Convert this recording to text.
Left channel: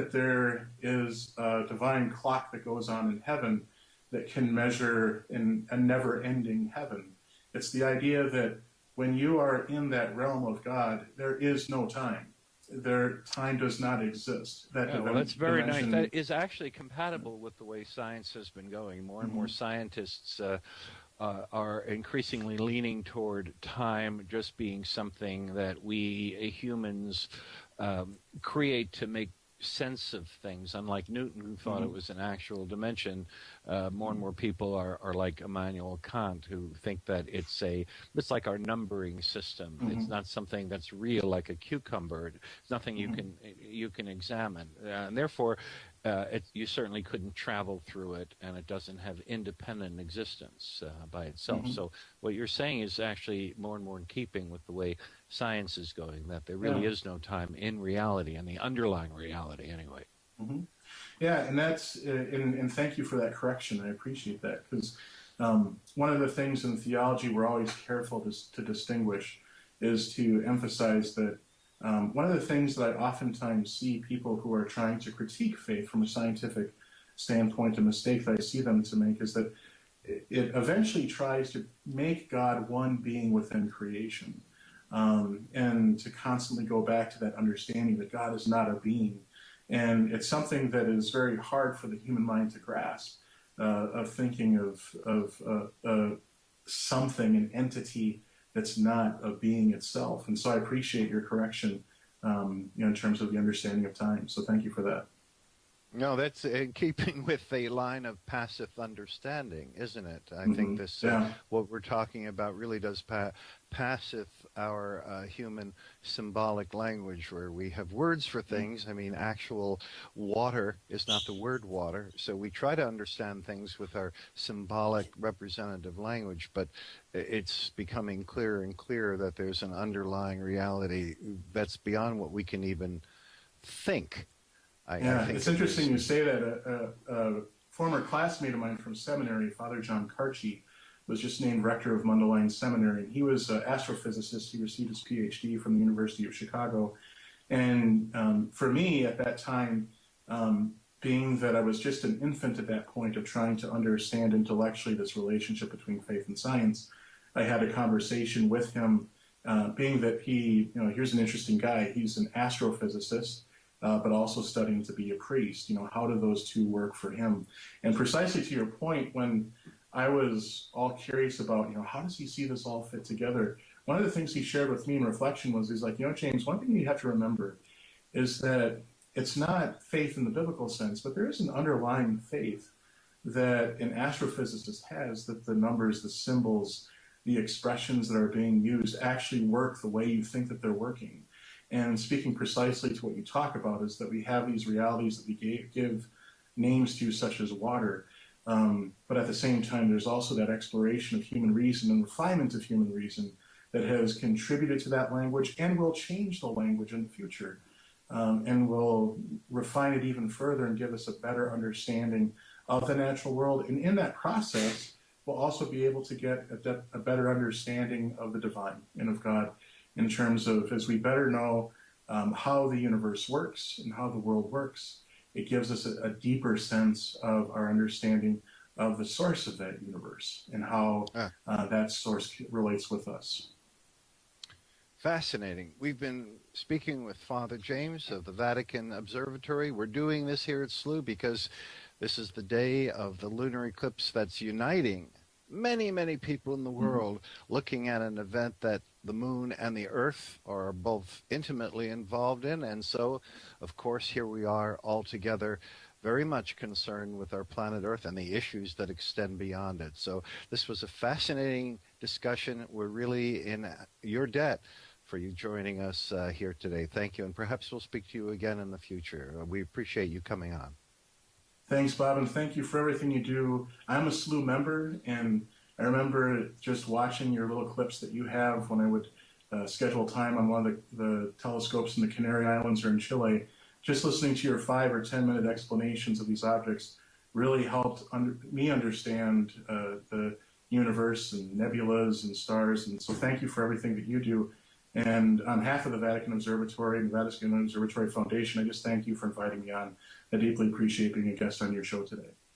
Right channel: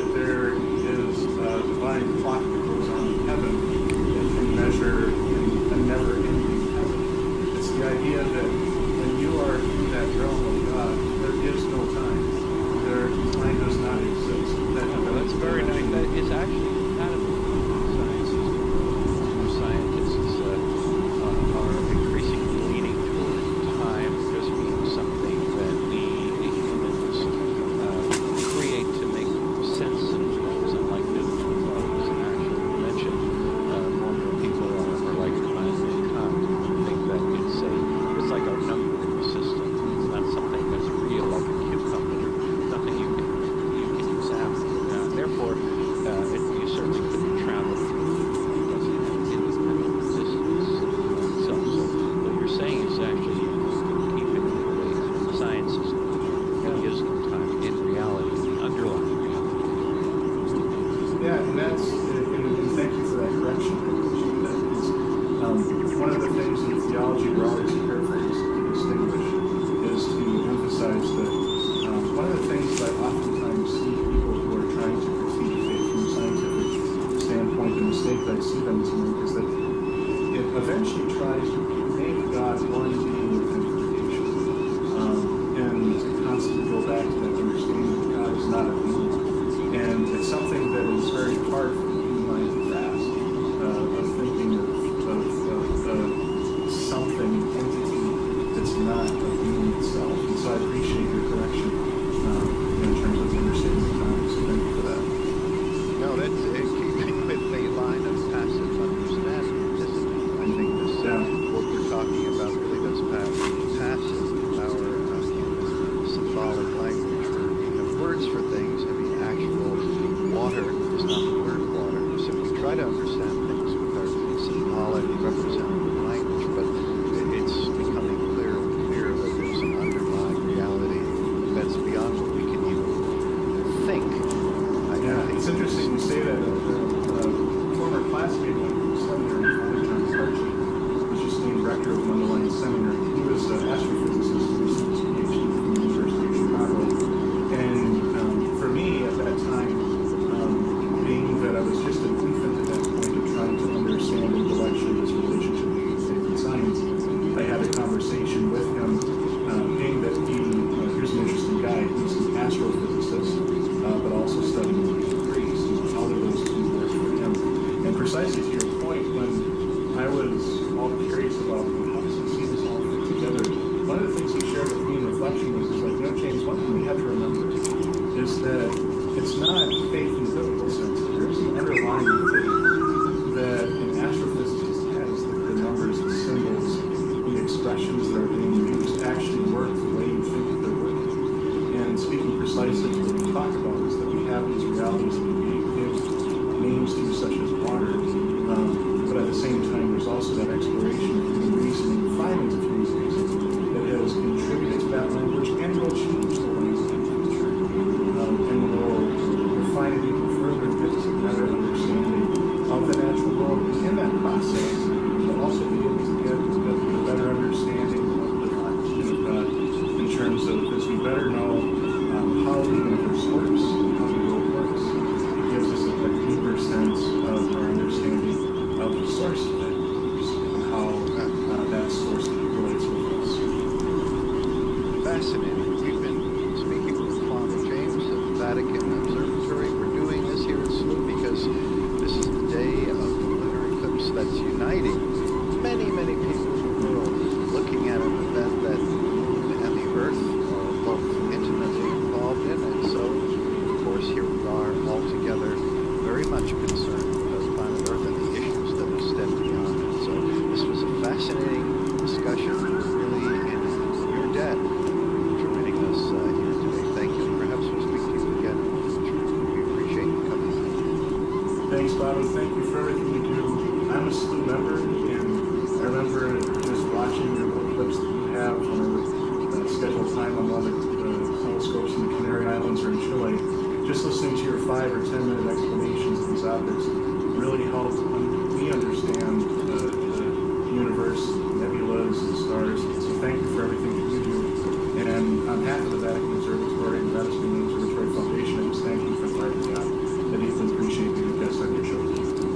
that there is a divine clock that goes on in heaven that can measure in a never-ending heaven. It's the idea that when you are in that realm of God, there is no time. Time does not exist. Well, that's very nice. That is actually compatible with the way sciences will go. More and more scientists are increasingly leaning toward time just being something that we humans create to make sense of things. Unlike Newton, who thought it was an actual dimension, more and more people are like Immanuel Kant, who think that it's like our numbering system. It's not something that's real, like a cucumber. Nothing you can examine. Therefore, you certainly couldn't travel through it, and it doesn't have independent existence by itself. So what you're saying is actually more in keeping with the way science is going, that there really is no time in reality, in the underlying reality anyway. Yeah, and that's and thank you for that correction. I appreciate that. Because one of the things in theology we're always careful to distinguish is to emphasize that one of the things that I oftentimes see people who are trying to critique faith from a scientific standpoint, a mistake that I see them to make is that it eventually tries to make God one being within creation, and to constantly go back to that understanding that God is not a being. And it's something that is very hard for the human mind to grasp, of thinking of something, an entity that's not a being itself. And so I appreciate your correction in terms of the understanding of time. So thank you for that. No, that's keeping with a line of passive understanding, isn't it? I think this what we're talking about really does passive our human symbolic language, where we have words for things. I mean, actual water is not the word water. So we try to understand things with our symbolic representative language, but it's becoming clearer and clearer that there's an underlying reality that's beyond what we can even think. I think it's interesting you say that. A former classmate of mine from seminary, Father John Carchi, was just named rector of Mundelein Seminary. He was an astrophysicist who received his PhD from the University of Chicago. And for me at that time, being that I was just an infant at that point of trying to understand intellectually this relationship between faith and science, I had a conversation with him, being that here's an interesting guy. He's an astrophysicist, but also studying to be a priest. How do those two work for him? And precisely to your point, when I was all curious about, how does he see this all fit together? One of the things he shared with me in reflection was, James, one thing we have to remember is that it's not faith in the biblical sense, but there is an underlying faith that an astrophysicist has, that the numbers, the symbols, the expressions that are being used actually work the way you think that they're working. And speaking precisely to what we talk about is that we have these realities that we give names to, such as water, but at the same time there's also that exploration of human reason and refinement of human reason that has contributed to that language and will change the language in the future, and will refine it even further and give us a better understanding of the natural world. And in that process, we'll also be able to get a better understanding of the divine and of God, in terms of, as we better know how the universe works and how the world works, it gives us a deeper sense of our understanding of the source of that universe and how that source relates with us. Fascinating. We've been speaking with Father James of the Vatican Observatory. We're doing this here at SLU because this is the day of the lunar eclipse that's uniting many, many people in the world, looking at an event that the moon and the earth are both intimately involved in. And so, of course, here we are all together, very much concerned with our planet Earth and the issues that extend beyond it. So this was a fascinating discussion. We're really in your debt for you joining us here today. Thank you, and perhaps we'll speak to you again in the future. We appreciate you coming on. Thanks, Bob, and thank you for everything you do. I'm a SLU member, and I remember just watching your little clips that you have when I would schedule time on one of the telescopes in the Canary Islands or in Chile. Just listening to your 5 or 10 minute explanations of these objects really helped me understand the universe, nebulas and stars. And so thank you for everything that you do. And on behalf of the Vatican Observatory and the Vatican Observatory Foundation, I just thank you for inviting me on. I deeply appreciate being a guest on your show today.